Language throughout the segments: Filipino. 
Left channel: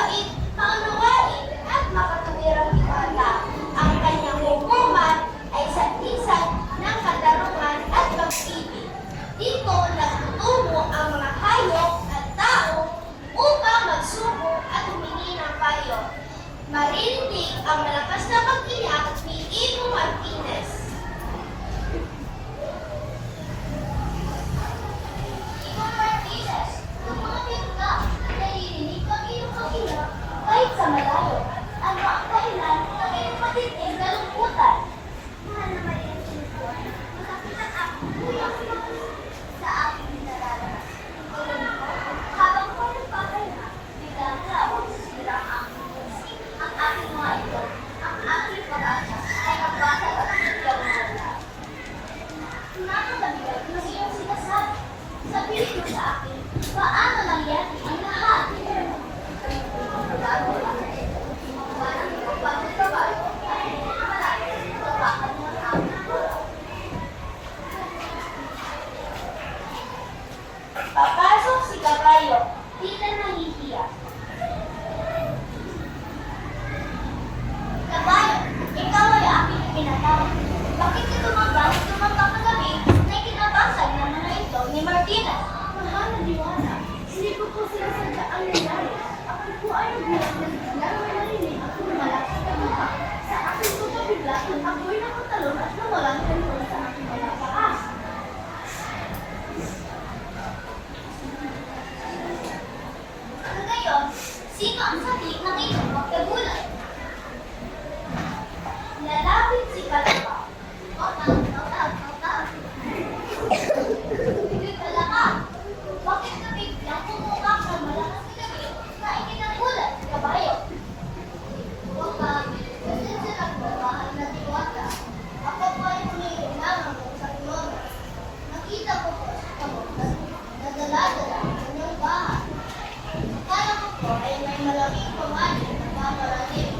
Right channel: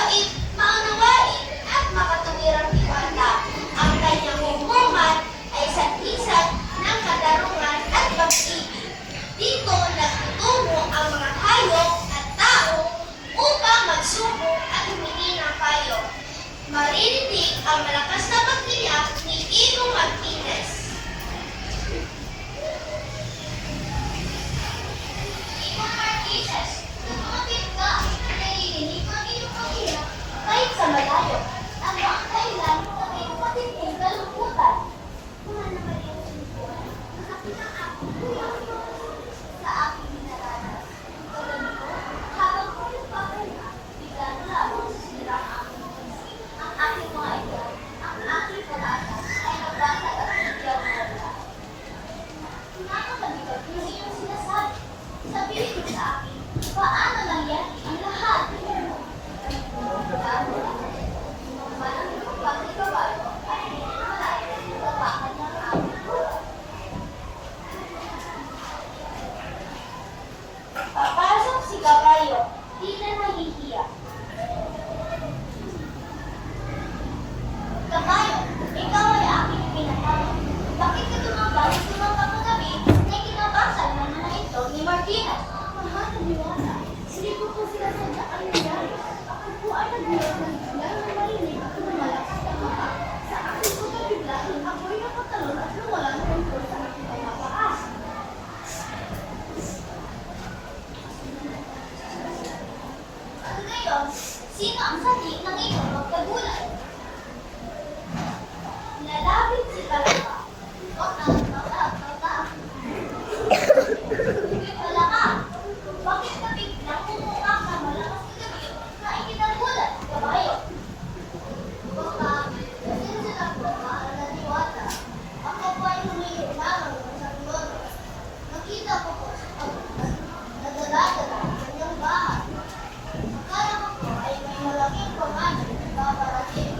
mabait, maunawain, at makatuwirang diwata. Ang kanyang hukuman ay sandisan ng katarungan at pag-ibig. Dito nagtutungo ang mga hayop at tao upang magsubok at humingi ng payo. Maririnig ang malakas na pag-iyak ni Igo Martinez. Igo Martinez, lumapit ka. Naririnig ang iyong pag-iyak kahit sa malayo. Ano ang dahilan ng iyong matinding kalungkutan? Mahal na Maria Sinubuan, masakit ang aking kuya sa aking dinaranas. Tulad ko, habang ko nagpapahinga, bigla na lamang sisira ang aking puso. Ang aking mga ito, ang aking pag-asa ay nagbasag at biglang nawala. Nakakalimutan ng iyong sinasabi. Sabihin mo sa akin, paano nangyari ang lahat? Bago ba? Parang pagkakabayo at malayo sa bakal ng aming bola. Papasok si Kabayo, di na nahihiya. Kabayo, ikaw ay aking pinatawag. Bakit ka tumambang kagabi na ikinabasag na ito ni Martinez? Mahal na diwata, hindi ko po sila sadya ang nangyari. Ako po ay nagulat na biglang may narinig ako ng malakas na buka. Sa aking pagkabigla, ako'y nakatalon at nawalan ng kontrol sa aking mga paa. Ngayon, sino ang sabi ng iyong pagkagulat? Lalapit si Kalapa. Tawag. Kalapa, bakit ka biglang pumuka ka malakas na gabi na ikinagulat, Kabayo? Baka, pasensya na po, mahal na diwata. Ako po ay humingi lamang sa lolo. Nakita ko po sa pagbukas na dala-dala ang kanyang bahay. Kaya ko po ay may malaking pangalan na paparating.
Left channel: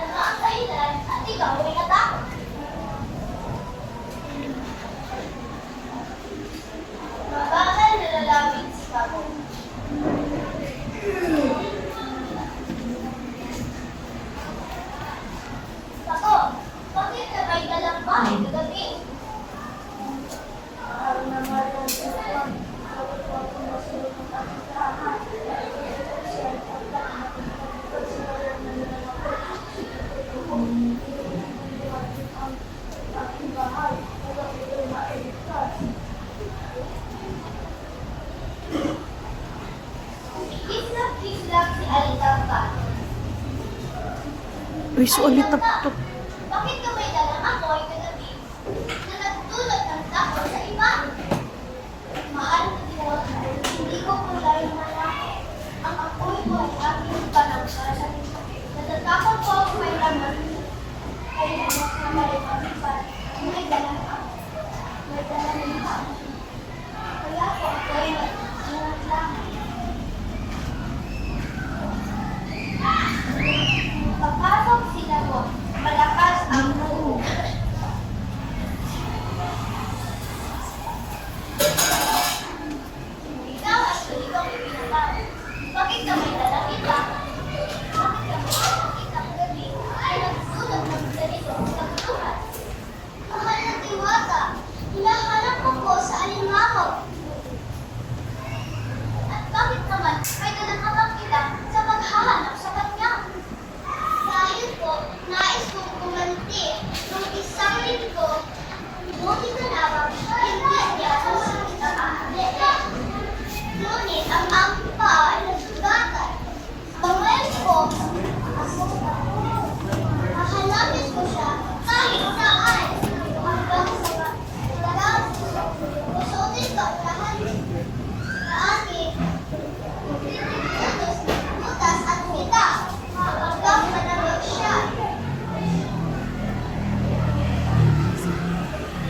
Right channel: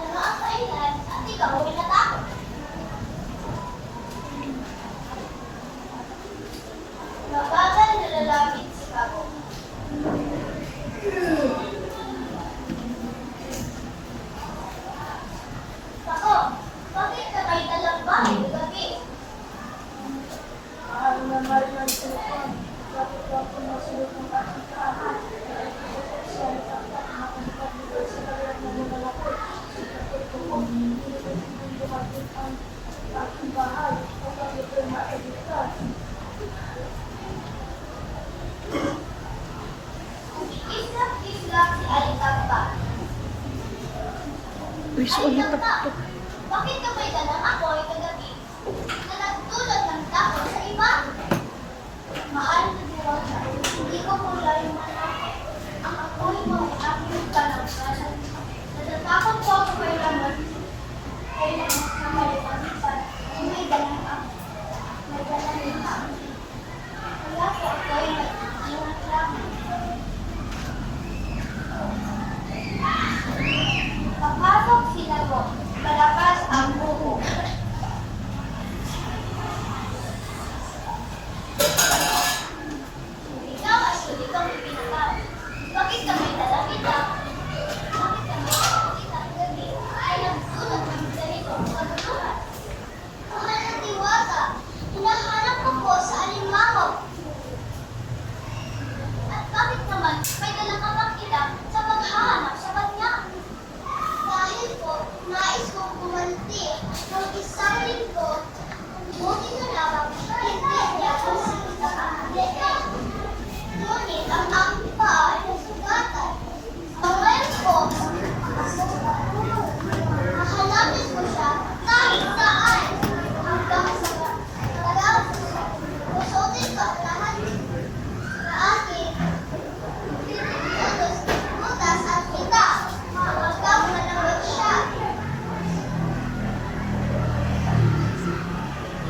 Ano ang dahilan at ikaw ay natakot? Mabagal na lalapit si Pabong. Ako, bakit ka may dalang bahay kagabi? Mahal na mahal ng Sinubuan, bakit po ako masulot ng aking tahanan? Siya ay tapat na pagpapagod sa kagat na nilalapit. Ako'y pupunti ang aking bahay upang ito'y mailigtas. Islap si Alitapa. Uy, sulit na Alitapa, to. bakit ka may dalang apoy kagabi na nagtulad ng takot sa iba? Mahal na diwata, hindi ko po layo manakot. Ang apoy ko ay aking panagkasan. Natatakot ko ako may laman. Kaya naman na malipanipan at may dalang ako. May dalang liha. Kaya po ako ay mag-ingat lang. Papasok sila mo. Malakas ang buho. Ikaw ang sulikong ipinatawag. Bakit ka may dalang kita? Bakit ka may dalang kita ang gabi ay nagsulat ng ganito sa katulad? Mahal na diwata, hinahanap ko po sa alimango. At bakit naman may dalang abang kita sa paghahanap sa kanya? Dahil po, nais kong kumanti ng isang linggo, buti na lamang hindi niya masakit ang aking leeg. Ngunit ang aking paa ay nasugatan. Ngayon po, hahanapin ko siya kahit saan. Hanggang sa kusutin ko ang lahat sa akin. Butas at kita. Hanggang malamig siya.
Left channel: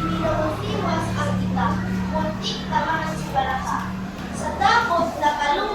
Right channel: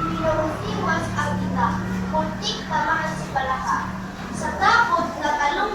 Iniwas ang kita. Muntik tamahan si Palaka. Sa takot na kalungkot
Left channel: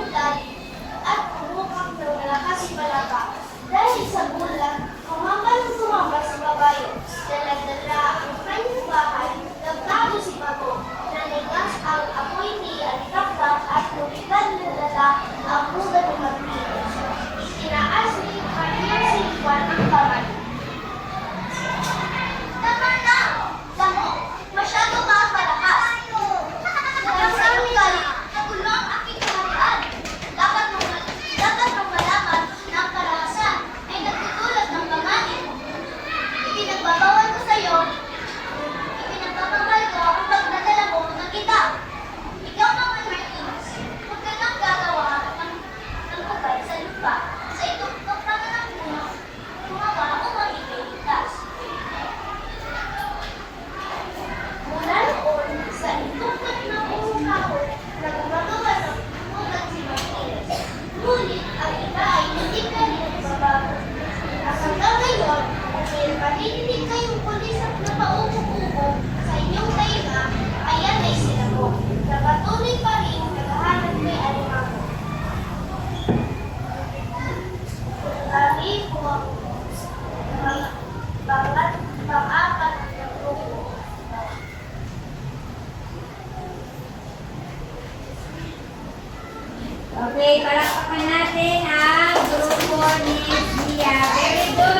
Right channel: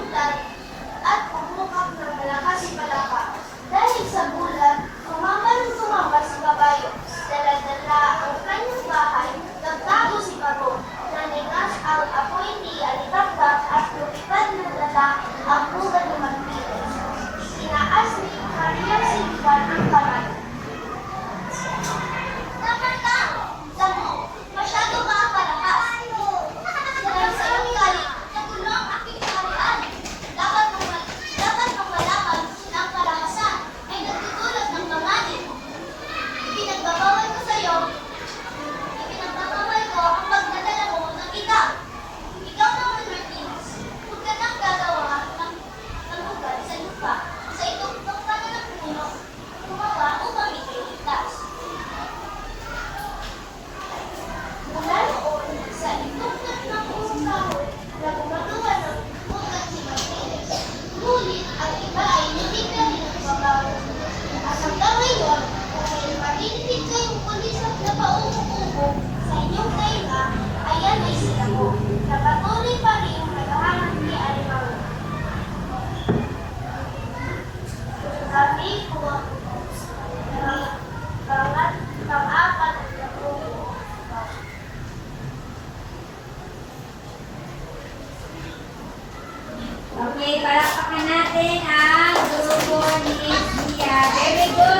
Okay, palakpakan natin ang grupo ni Gia. Very good.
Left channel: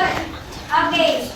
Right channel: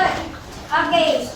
Okay.